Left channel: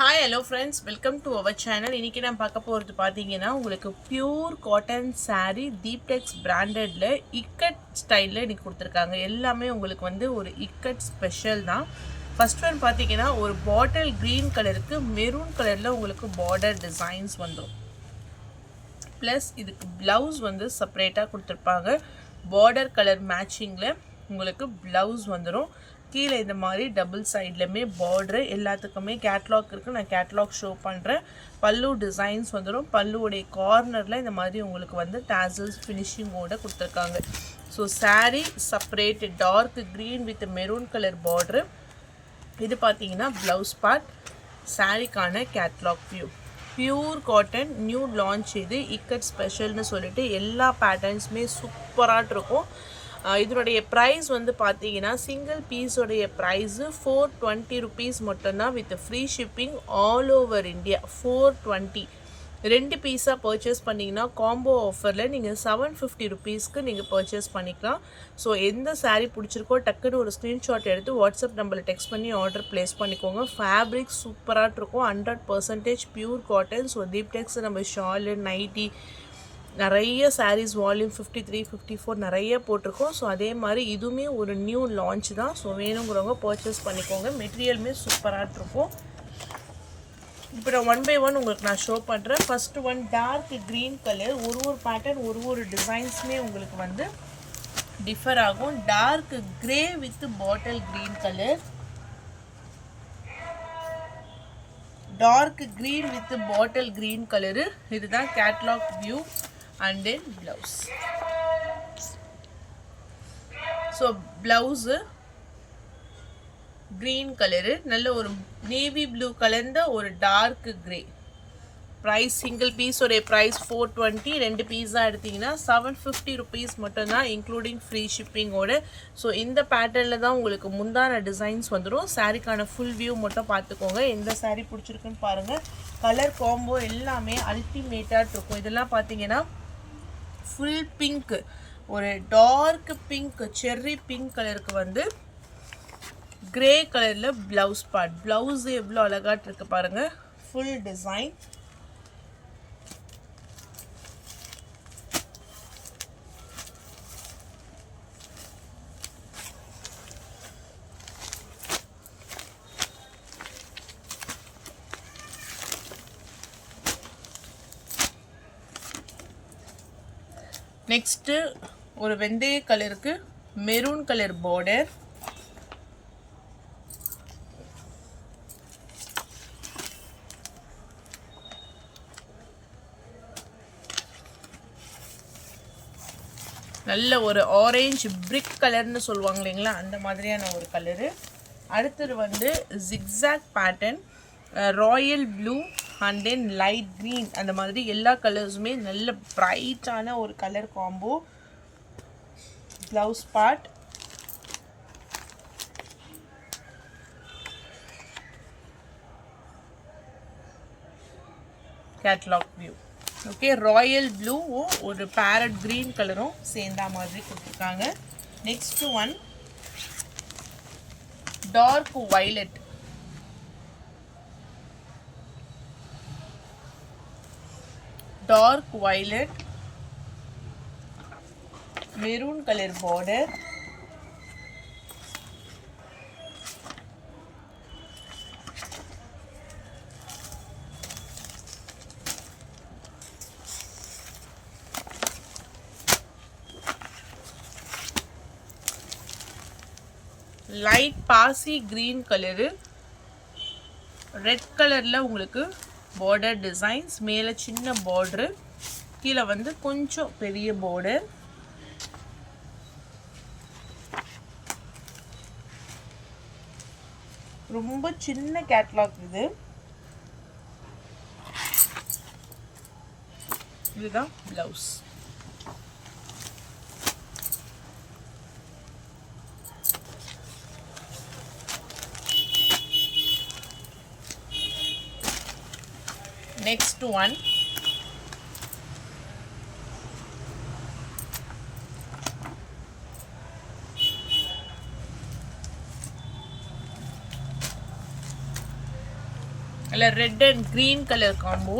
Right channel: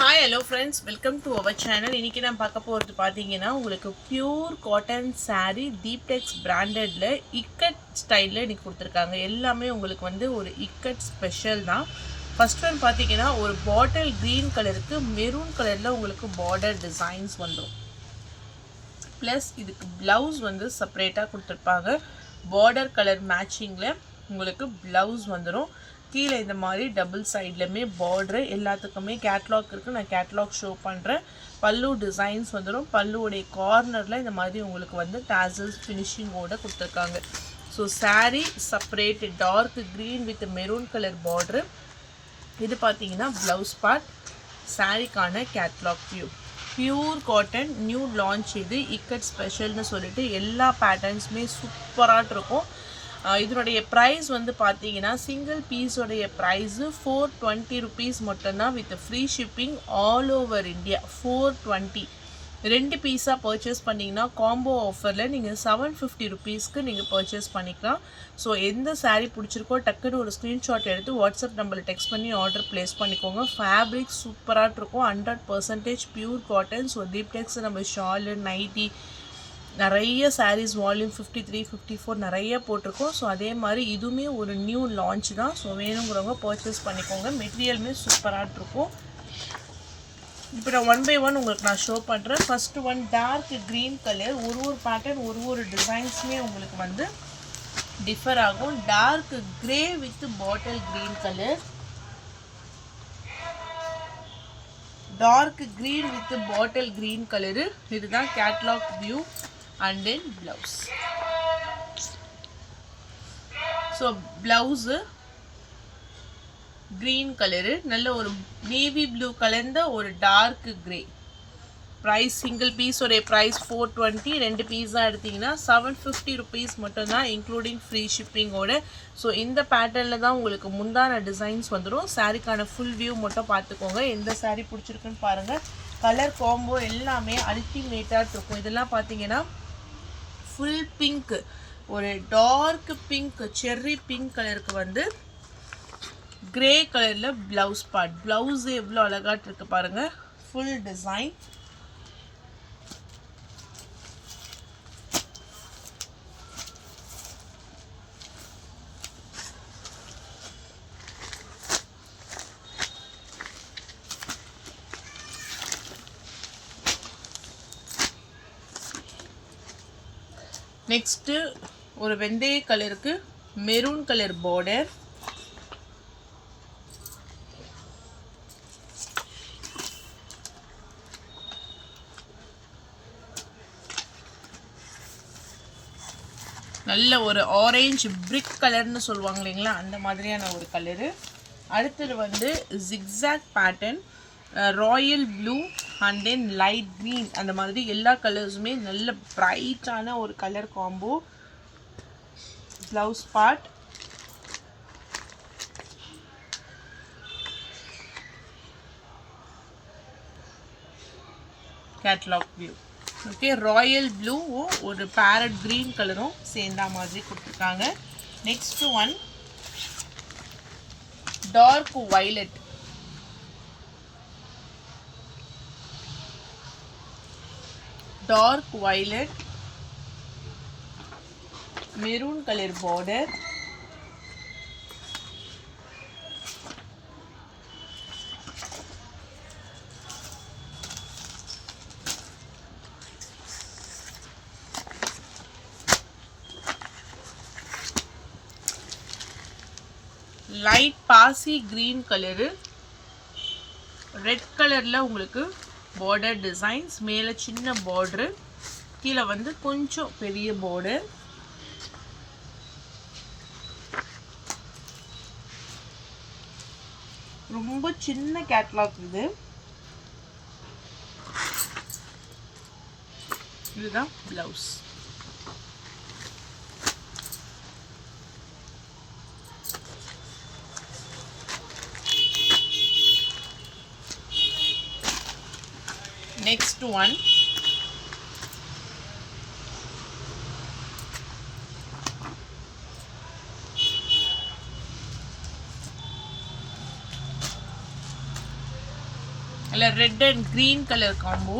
Hi hello friends, welcome to our channel. இன்றைக்கி நான் பார்க்க போகிறது பார்த்தீங்கன்னா, உங்களுக்கு பியூர் காட்டன் சாரீ தீப்டெக்ஸ் பிராண்டடில் இக்கட் ஸ்டைலில் இன்றைக்கி கொடுத்துருக்காங்க. எல்லாமே உங்களுக்கு வந்து ஒரு இக்கட் ஸ்பெஷல் தான். ஃபர்ஸ்ட் ஒன் பார்த்தீங்கன்னா, ஒரு பாட்டில் க்ரீன் கலருக்கு மெரூன் கலரில் உங்களுக்கு பார்டர் டிசைன்ஸ் வந்துடும். ப்ளஸ் இதுக்கு ப்ளவுஸ் வந்து செப்பரேட்டாக கொடுத்துருப்பாங்க. பார்டர் கலர் மேட்சிங்கில் உங்களுக்கு ப்ளவுஸ் வந்துடும். கீழே இந்த மாதிரி டபுள் சைட்லையுமே பார்டரு எல்லாத்துக்குமே கேட்லாக் இருக்குது. நான் கேட்லாக் ஷோ பண்ணுறேன். பல்லு டிசைன்ஸ் வந்துடும். பல்லுவோடைய கார்னரில் இந்த மாதிரி உங்களுக்கு வந்து டாசல்ஸ் ஃபினிஷிங்கோடு கொடுத்துருக்காங்க. So sari separate dark green with maroon colour border. இது பார்த்தீங்கன்னா ப்ளவுஸ் பார்ட். சாரீக்கான catalogue view. Pure cotton new launch. இது இக்கட் ஸ்பெஷல்னு சொல்லிட்டு எல்லா பேட்டர்ன்ஸுமே சூப்பராக இருக்கும். இதனுடைய ப்ரைஸ் வந்து பார்த்தீங்கன்னா சிங்கிள் பீஸோடைய ப்ரைஸு 420 ருபீஸ் மட்டும்தான் with free shipping all over India. 420 2 பீஸாக பர்ச்சேஸ் பண்ணிங்கன்னா காம்போ ஆஃபரில் நீங்கள் 750 ருபீஸ்க்கு நீங்கள் பர்ச்சேஸ் பண்ணிக்கலாம். ஸோ எந்த சாரீ பிடிச்சிருக்கோ டக்குன்னு ஒரு ஸ்க்ரீன்ஷாட் எடுத்து வாட்ஸ்அப் நம்பரில் டெக்ஸ்ட் பண்ணி ஆர்டர் ப்ளேஸ் பண்ணிக்கோங்க. ஃபேப்ரிக் சூப்பராக இருக்கும். 100% பியூர் காட்டன். ஸோ தீப்டெக்ஸ் நம்ம ஷாலு நைட்டி நிறைய சாரீஸ் வால்யூம் 53 54 நிறைய போட்டிருக்கோம். ஸோ அதே மாதிரி இதுவுமே ஒரு நியூ லான்ச் தான். ஸோ வேணுங்கிறவங்க பர்ச்சேஸ் பண்ணிக்கோங்க. மெட்டீரியலுமே சூப்பராக இருக்கும். இப்போ நான் ஒன் பை ஒன் உங்களுக்கு நான் ஷோ பண்ணுறேன். First one dark green colour. ஒரு பேட்டர்ன் ஒரு டிசைன்ஸுமே உங்களுக்கு வந்து டிஃபர் ஆகும். Dark grey with bottle green colour. Dark green with bottle green colour. இதுதான் catalogue view. And then blouse. So blouse green color, நல்ல ஒரு navy blue கலந்த ஒரு dark grey. price single piece ஒரே price 420. ரெண்டு பீஸா எடுத்தீங்கன்னா 750 rupees மட்டும்தான் இன்க்ளூடிங் ஃப்ரீ ஷிப்பிங்கோட. ஸோ இந்த பேட்டர்னில் தான் உங்களுக்கு முந்தான டிசைன்ஸ் வந்துடும். சாரீக்கான ஃபுல் வியூ மட்டும் பார்த்துக்கோங்க. எந்த சாரீ பிடிச்சிருக்குன்னு பாருங்கள். கலர் காம்போ எல்லாமே அல்டிமேட்டாக இருக்கும். இதெல்லாம் பார்த்தீங்கன்னா ஃபுல் பிங்க், ஒரு டார்க் பிங்க் செர்ரி பிங்க் கலருக்கு வந்து கிரே கலரில் ப்ளவுஸ் பார்ட். ப்ளவுஸ் எவ்வளோ அழகாட்டு இருக்கு பாருங்கள். Full design. நெக்ஸ்ட்டு ஒரு வெந்தய கலருக்கு மெரூன் கலர் பார்டர். நல்ல ஒரு ஆரஞ்சு பிரிக் கலர்னு சொல்லுவாங்க இல்லைங்களா, அந்த மாதிரியான ஒரு கலரு. அடுத்தது வந்து zigzag pattern, royal blue and then light green. அந்த மாதிரி எல்லா கலர்ஸுமே நல்ல ப்ரைட்டான ஒரு colour combo. Blouse part. Catalogue view. Okay, royal ப்ளூவும் ஒரு பேரட் க்ரீன் கலரும் சேர்ந்தா மாதிரி கொடுத்துருக்காங்க. Next one dark violet. Dark violet maroon colour border. Light பாசி கிரீன் கலரு. ரெட் கலரில் உங்களுக்கு பார்டர் டிசைன்ஸ். மேலே சின்ன பார்டரு, கீழே வந்து கொஞ்சம் பெரிய பார்டர். ரொம்ப சின்ன கேட்லாக் இது. இதுதான் ப்ளவுஸ். Next one அதில் red and green colour combo.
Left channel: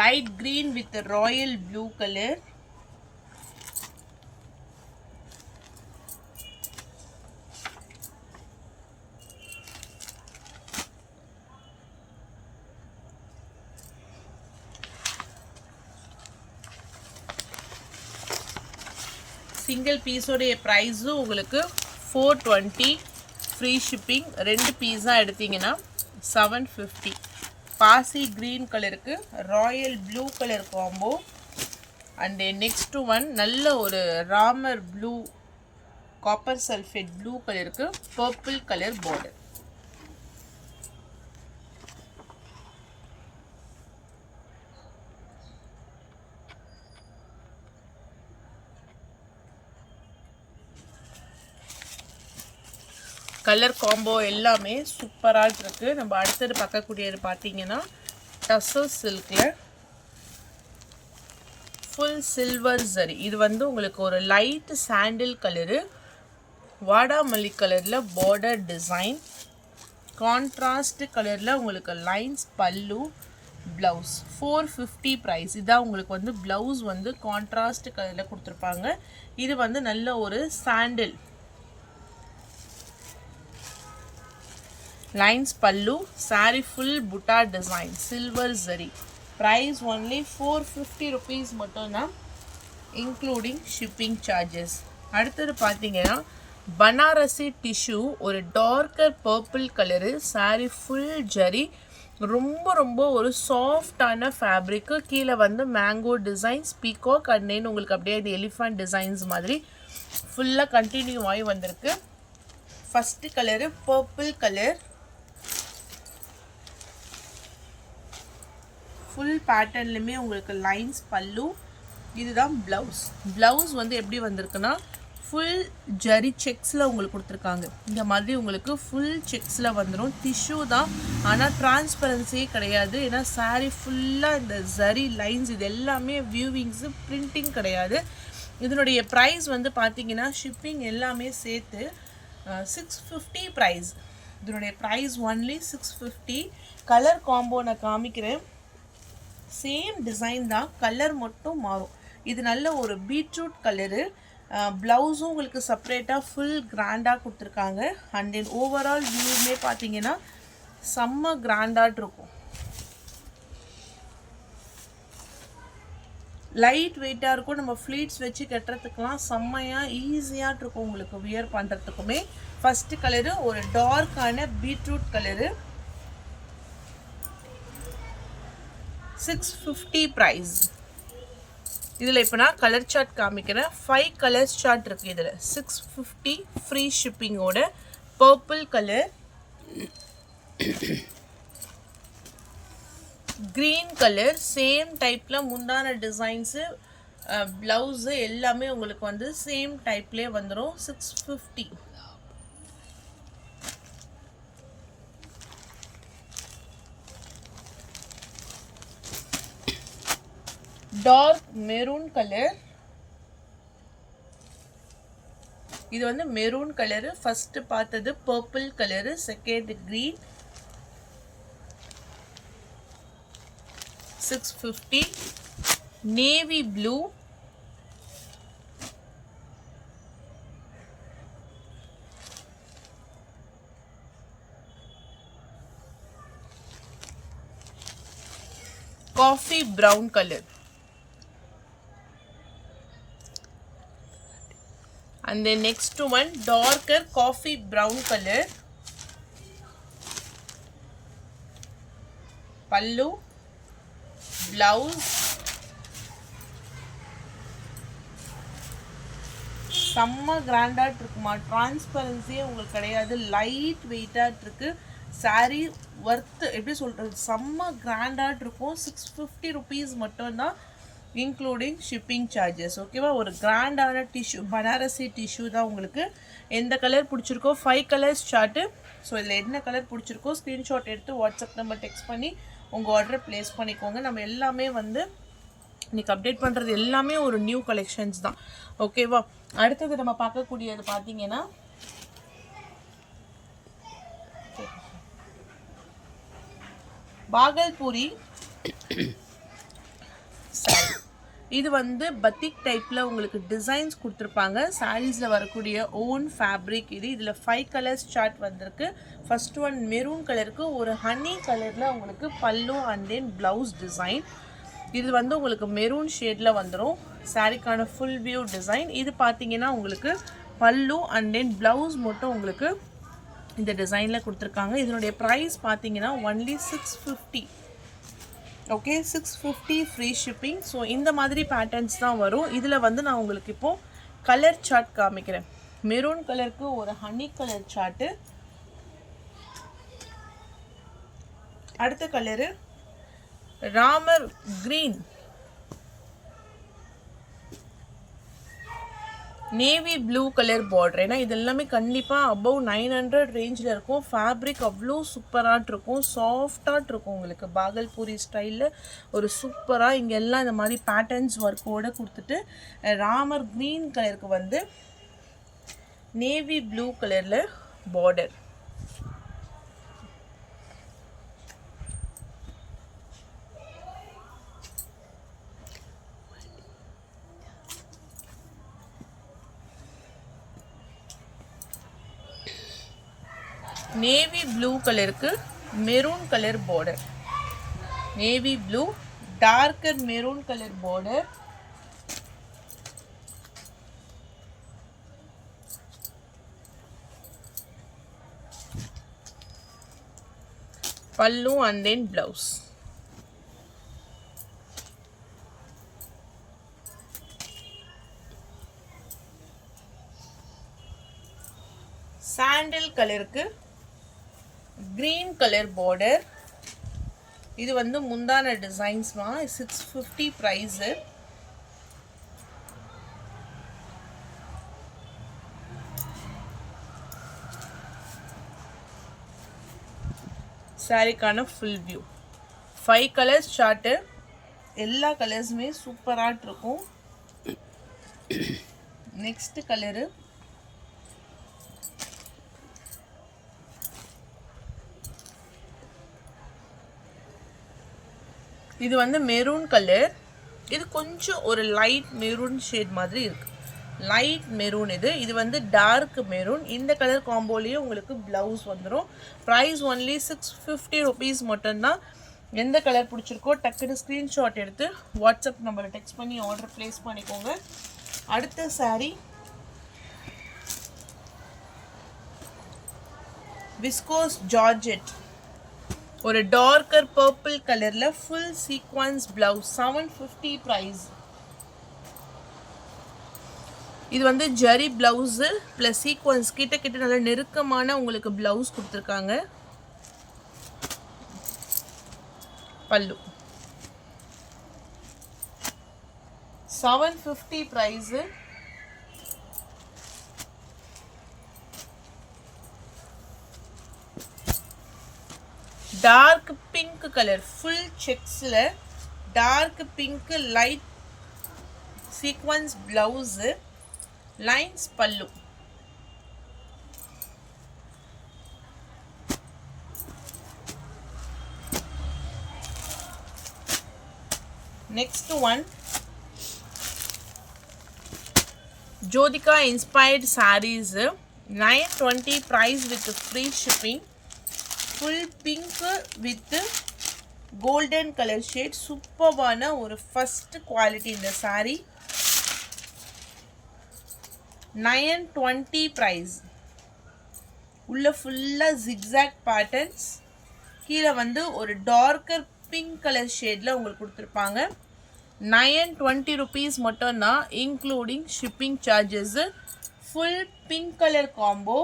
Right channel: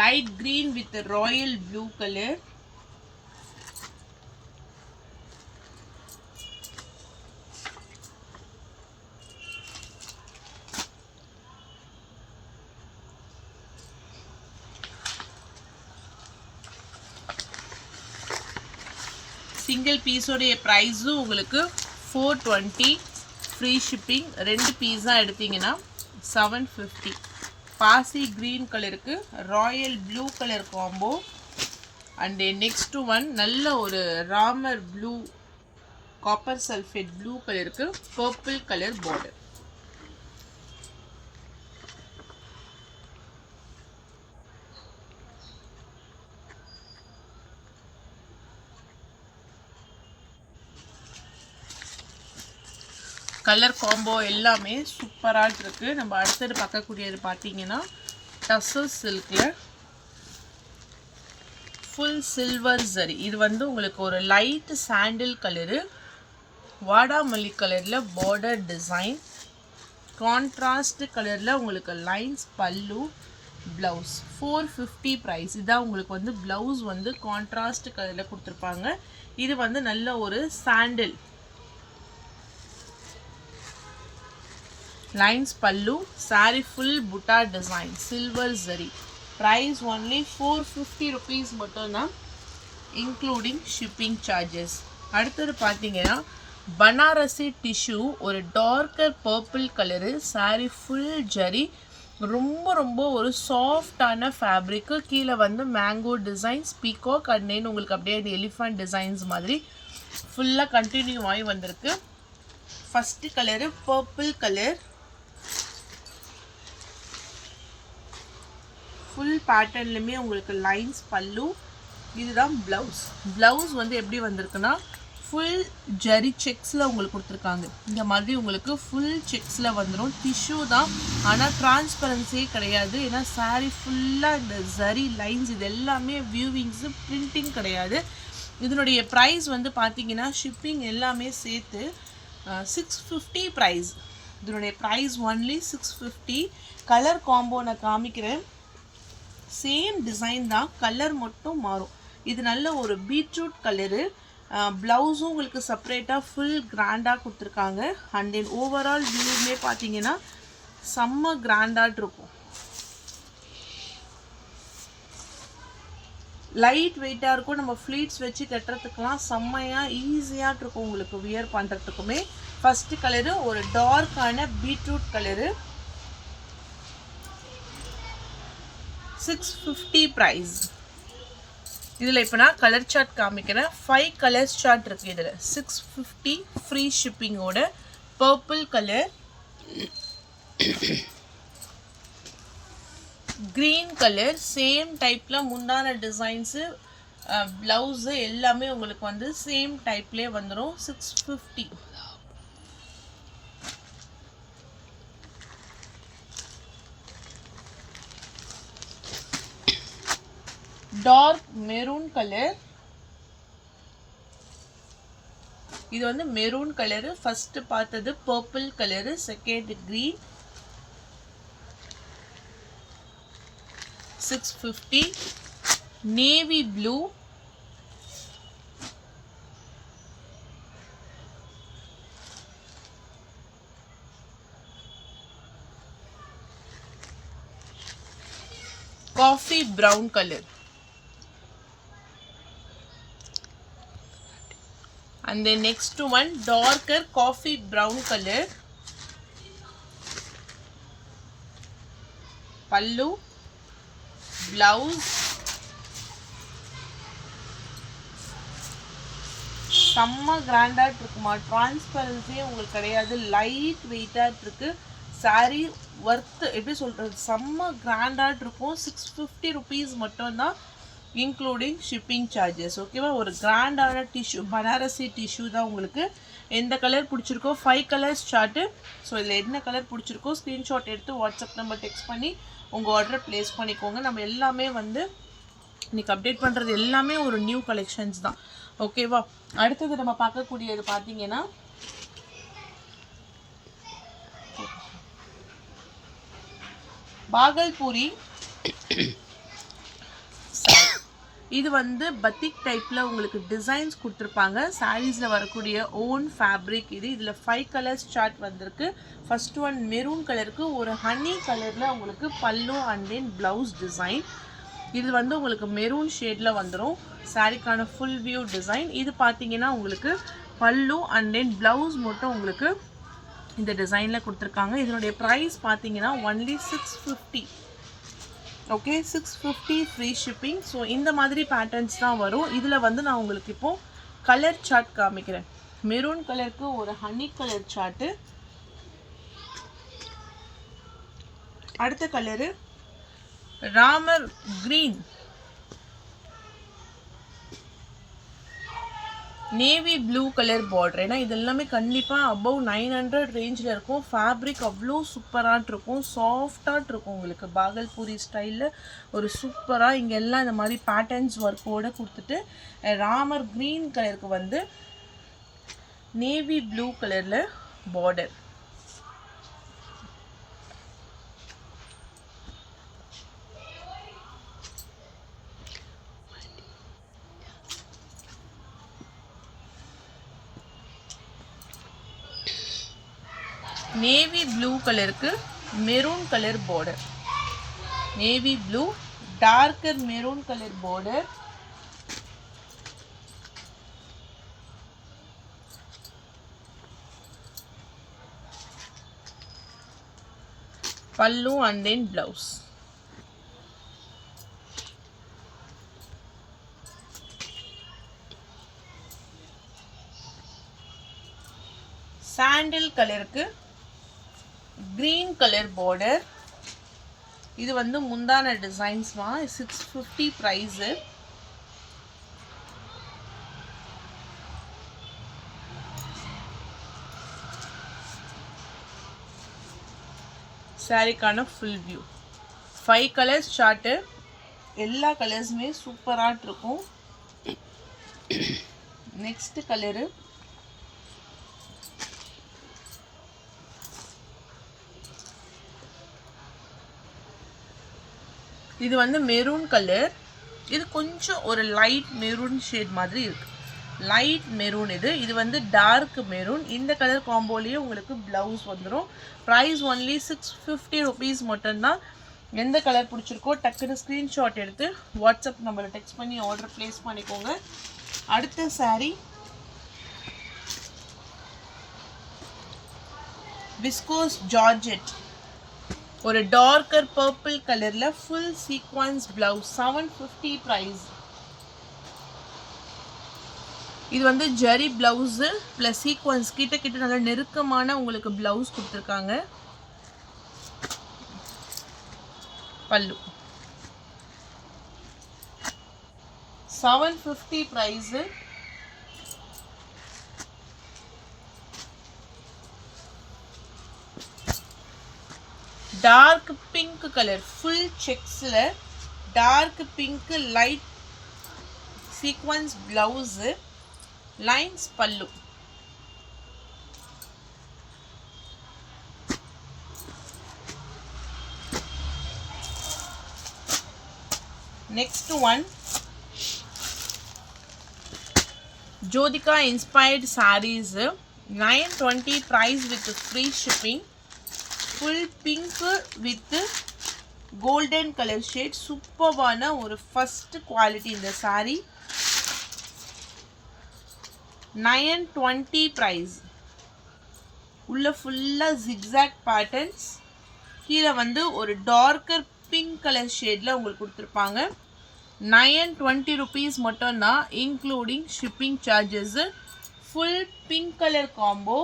light green with royal blue color. Single பீஸோடைய ப்ரைஸும் உங்களுக்கு 420, ஃப்ரீ ஷிப்பிங். 2 பீஸாக எடுத்தீங்கன்னா 750. பாசி க்ரீன் கலருக்கு royal blue colour combo. And next one நல்ல ஒரு Ramar blue copper sulphate blue கலருக்கு purple colour border. Colour combo எல்லாமே சூப்பராக இருக்குது. நம்ம அடுத்தது பார்க்கக்கூடியது பார்த்தீங்கன்னா டசர் சில்கில் ஃபுல் சில்வர் ஜரி. இது வந்து உங்களுக்கு ஒரு லைட் சாண்டில் கலரு, வாடாமல்லி கலரில் பார்டர் டிசைன், கான்ட்ராஸ்ட் கலரில் உங்களுக்கு லைன்ஸ், பல்லு, ப்ளவுஸ். 450 ப்ரைஸ். இதான் உங்களுக்கு வந்து ப்ளவுஸ் வந்து கான்ட்ராஸ்ட் கலரில் கொடுத்துருப்பாங்க. இது வந்து நல்ல ஒரு சாண்டில் lines pallu, saree full butta design, silver zari. Price only 450 rupees மட்டும்தான், including shipping charges. அடுத்தது பார்த்தீங்கன்னா பனாரசி டிஷ்யூ, ஒரு darker purple colour, saree full zari, ரொம்ப ஒரு சாஃப்டான ஃபேப்ரிக்கு. கீழே வந்து mango designs, peacock and then உங்களுக்கு அப்படியே இது எலிஃபண்ட் டிசைன்ஸ் மாதிரி ஃபுல்லாக கண்டினியூ ஆகி வந்திருக்கு. First colour purple colour, full பேட்டர்ன்லையுமே உங்களுக்கு லைன்ஸ், பல்லு. இதுதான் ப்ளவுஸ். ப்ளவுஸ் வந்து எப்படி வந்திருக்குன்னா ஃபுல் ஜரி செக்ஸில் உங்களுக்கு கொடுத்துருக்காங்க. இந்த மாதிரி உங்களுக்கு ஃபுல் செக்ஸில் வந்துடும். டிஷ்யூ தான், ஆனால் டிரான்ஸ்பரன்சியே கிடையாது. ஏன்னா சாரீ ஃபுல்லாக இந்த ஜரி லைன்ஸ் இது எல்லாமே வியூவிங்ஸு, பிரிண்டிங் கிடையாது. இதனுடைய ப்ரைஸ் வந்து பார்த்தீங்கன்னா ஷிப்பிங் எல்லாமே சேர்த்து 650 ப்ரைஸ். இதனுடைய ப்ரைஸ் ஒன்லி 650. கலர் காம்போ நான் காமிக்கிறேன். சேம் டிசைன் தான், கலர் மட்டும் மாறும். இது நல்ல ஒரு பீட்ரூட் கலரு. ப்ளவுஸும் உங்களுக்கு செப்பரேட்டாக ஃபுல் கிராண்டாக கொடுத்துருக்காங்க. அண்ட் தென் ஓவரால் வியூமே பார்த்தீங்கன்னா செம்ம கிராண்டாக இருக்கும். லைட் வெயிட்டாக இருக்கும். நம்ம ஃப்ளீட்ஸ் வச்சு கட்டுறதுக்கெலாம் செம்மையாக ஈஸியாக இருக்கும் உங்களுக்கு வியர் பண்ணுறதுக்குமே. ஃபஸ்ட்டு கலரு ஒரு டார்க்கான பீட்ரூட் கலரு, 650 ப்ரைஸ். இதில் இப்போ நான் கலர் சார்ட் காமிக்கிறேன். 5 கலர்ஸ் சார்ட் இருக்குது இதில். 650 ஃப்ரீ ஷிப்பிங்கோட. Purple colour, green colour, same டைப்பில் முந்தான டிசைன்ஸு, ப்ளவுஸு எல்லாமே உங்களுக்கு வந்து சேம் டைப்லேயே வந்துடும். 650. Dark maroon colour. இது வந்து மெரூன் கலரு. ஃபர்ஸ்ட் பார்த்தது purple colour, second green. 650. Navy blue, coffee brown colour. And the next one darker coffee brown color. Pallu, blouse, செம்ம கிராண்டாக இருக்குமா. டிரான்ஸ்பரன்சியே உங்களுக்கு கிடையாது, லைட் வெயிட்டாக இருக்கு. சாரீ ஒர்த்து எப்படி சொல்கிறது, செம்ம கிராண்டாக இருக்கும். 650 ருபீஸ் மட்டும்தான், இன்க்ளூடிங் ஷிப்பிங் சார்ஜஸ். ஓகேவா. ஒரு கிராண்டான டிஷ்யூ, பனாரசி டிஷ்யூ தான் உங்களுக்கு எந்த கலர் பிடிச்சிருக்கோ 5 கலர்ஸ் சார்ட்டு. ஸோ இதில் என்ன கலர் பிடிச்சிருக்கோ ஸ்க்ரீன்ஷாட் எடுத்து வாட்ஸ்அப் நம்பர் டெக்ஸ்ட் பண்ணி உங்கள் ஆர்டரை ப்ளேஸ் பண்ணிக்கோங்க. நம்ம எல்லாமே வந்து இன்றைக்கி அப்டேட் பண்ணுறது எல்லாமே ஒரு நியூ கலெக்ஷன்ஸ் தான். ஓகேவா? அடுத்தது நம்ம பார்க்கக்கூடியது பார்த்தீங்கன்னா பாகல்பூரி. இது வந்து பத்திக் டைப்பில் உங்களுக்கு டிசைன்ஸ் கொடுத்துருப்பாங்க. சாரீஸில் வரக்கூடிய ஓன் ஃபேப்ரிக் இது. இதில் 5 கலர்ஸ் சார்ட் வந்திருக்கு. ஃபர்ஸ்ட் ஒன் மெரூன் கலருக்கு ஒரு ஹனி கலரில் உங்களுக்கு பல்லு அண்ட் தென் ப்ளவுஸ் டிசைன். இது வந்து உங்களுக்கு மெரூன் ஷேடில் வந்துடும். சாரீக்கான ஃபுல் வியூ டிசைன். இது பார்த்தீங்கன்னா உங்களுக்கு பல்லு அண்ட் தென் ப்ளவுஸ் மட்டும் உங்களுக்கு இந்த டிசைனில் கொடுத்துருக்காங்க. இதனுடைய ப்ரைஸ் பார்த்தீங்கன்னா only 650. Okay, 650 free shipping. So இந்த மாதிரி பேட்டர்ன்ஸ் தான் வரும். இதில் வந்து நான் உங்களுக்கு இப்போது கலர் சார்ட் காமிக்கிறேன். மெரூன் கலருக்கு ஒரு ஹனி கலர் சார்ட்டு. அடுத்த colour Ramar green, navy blue colour border. ஏன்னா இது எல்லாமே கண்டிப்பாக அபவ் 900 ரேஞ்சில் இருக்கும். ஃபேப்ரிக் அவ்வளோ சூப்பராக இருக்கும், சாஃப்டாக இருக்கும். உங்களுக்கு பாகல்பூரி ஸ்டைலில் ஒரு சூப்பராக இங்கே எல்லாம் இந்த மாதிரி பேட்டர்ன்ஸ் ஒர்க்கோடு கொடுத்துட்டு ராமர் க்ரீன் கலருக்கு வந்து நேவி ப்ளூ கலரில் பார்டர். நேவி ப்ளூ கலருக்கு maroon colour border. Navy blue darker maroon colour border. Pallu and then blouse. Sandal கலருக்கு கிரீன் கலர் பார்டர். இது வந்து முந்தான டிசைன்ஸ் தான். 650 ப்ரைஸு. சாரிக்கான ஃபுல் வியூ. 5 colours chart. எல்லா கலர்ஸுமே சூப்பராக இருக்கும். நெக்ஸ்ட் கலரு இது வந்து மெரூன் கலர். இது கொஞ்சம் ஒரு லைட் மெரூன் ஷேட் மாதிரி இருக்கு. லைட் மெரூன் இது. இது வந்து டார்க் மெரூன். இந்த கலர் காம்போலேயே உங்களுக்கு ப்ளவுஸ் வந்துடும். ப்ரைஸ் ஒன்லி 650 ருபீஸ் மட்டும்தான். எந்த கலர் பிடிச்சிருக்கோ டக்குன்னு ஸ்க்ரீன்ஷாட் எடுத்து வாட்ஸ்அப் நம்பரில் டெக்ஸ்ட் பண்ணி ஆர்டர் ப்ளேஸ் பண்ணிக்கோங்க. அடுத்த சாரீ விஸ்கோஸ் ஜார்ஜெட். ஒரு டார்க்கர் பர்பிள் கலரில் ஃபுல் சீக்வன்ஸ் ப்ளவுஸ். 750 ப்ரைஸ். இது வந்து ஜரி ப்ளவுஸு ப்ளஸ் சீக்வன்ஸ் கிட்ட நல்ல நெருக்கமான உங்களுக்கு ப்ளவுஸ் கொடுத்துருக்காங்க. Pallu 750 price. Dark pink colour full செக்ஸில் dark pink light sequins blouse, lines pallu. Next one Jyothika inspired saris. 920 price with free shipping. Full pink with golden colour shade. சூப்பர்வான ஒரு ஃபர்ஸ்ட் குவாலிட்டி இந்த சாரீ. 920 ப்ரைஸ். உள்ள ஃபுல்லாக ஜிக்ஸாக் பேட்டர்ன்ஸ். கீழே வந்து ஒரு டார்க்கர் பிங்க் கலர் ஷேடில் உங்களுக்கு கொடுத்துருப்பாங்க. 920 ருபீஸ் மட்டும்தான், including shipping charges. Full pink colour combo.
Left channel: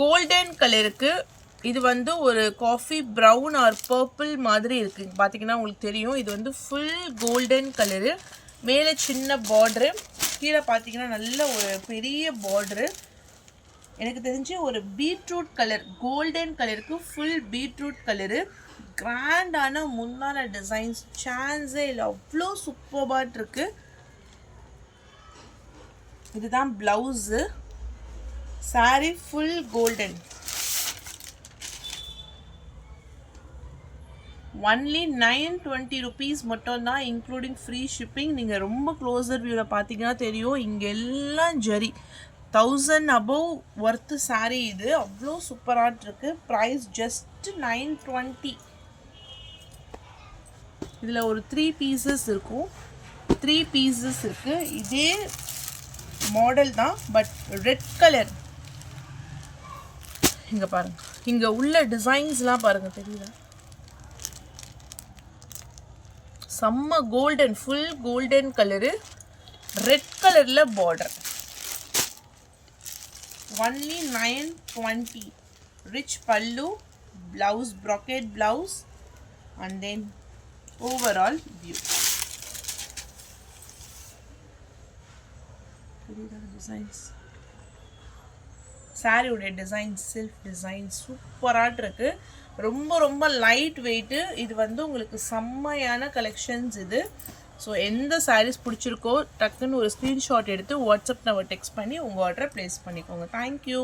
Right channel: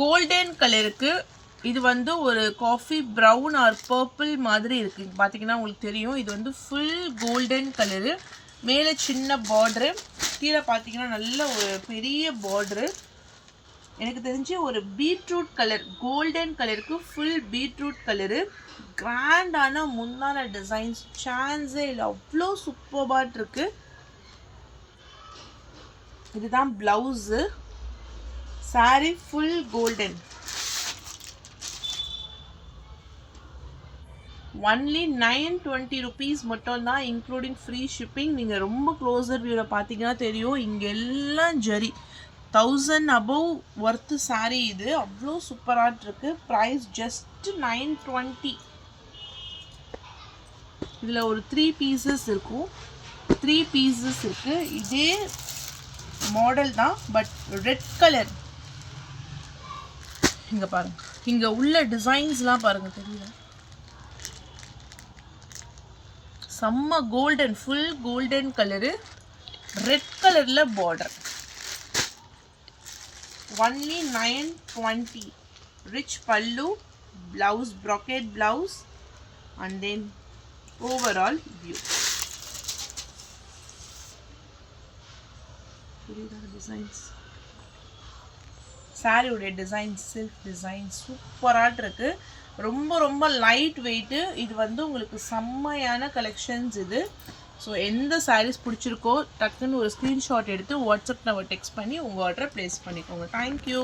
Golden கலருக்கு இது வந்து ஒரு காஃபி ப்ரௌன் ஆர் பர்பிள் மாதிரி இருக்குது. பார்த்தீங்கன்னா உங்களுக்கு தெரியும். இது வந்து ஃபுல் கோல்டன் கலரு. மேலே சின்ன பார்டரு, கீழே பார்த்தீங்கன்னா நல்ல ஒரு பெரிய பார்டரு. எனக்கு தெரிஞ்சு ஒரு பீட்ரூட் கலர், கோல்டன் கலருக்கு ஃபுல் பீட்ரூட் கலரு. கிராண்டான முன்னால டிசைன்ஸ் சான்ஸே இல்லை, அவ்வளோ சூப்பர்பாக இருக்குது. இதுதான் blouse. Sorry full golden. Only 920 rupees மட்டும்தான், இன்க்ளூடிங் ஃப்ரீ ஷிப்பிங். நீங்கள் ரொம்ப க்ளோஸர் வியூவில் பார்த்தீங்கன்னா தெரியும், இங்கே எல்லாம் ஜரி 1000 above ஒர்த்து சாரீ. இது அவ்வளோ சூப்பராக இருக்குது. Price just 920. இதில் ஒரு 3 pieces இருக்கும். 3 pieces இருக்குது. இதே மாடல் தான், பட் ரெட் கலர். இங்கே பாருங்கள், இங்கே உள்ள டிசைன்ஸ்லாம் பாருங்கள், தெரியல. செம்ம golden, full golden colour, red கலரில் border. Only 920. Rich pallu, blouse bracket blouse, and then overall view. Designs, சாரியோடைய டிசைன்ஸ், செல்ஃப் டிசைன் சூப்பராக இருக்குது. ரொம்ப ரொம்ப லைட் வெயிட்டு. இது வந்து உங்களுக்கு செம்மையான கலெக்ஷன்ஸ் இது. ஸோ எந்த சாரீஸ் பிடிச்சிருக்கோ டக்குன்னு ஒரு ஸ்க்ரீன்ஷாட் எடுத்து வாட்ஸ்அப் நம்பர் டெக்ஸ்ட் பண்ணி உங்கள் ஆர்டரை ப்ளேஸ் பண்ணிக்கோங்க. தேங்க்யூ.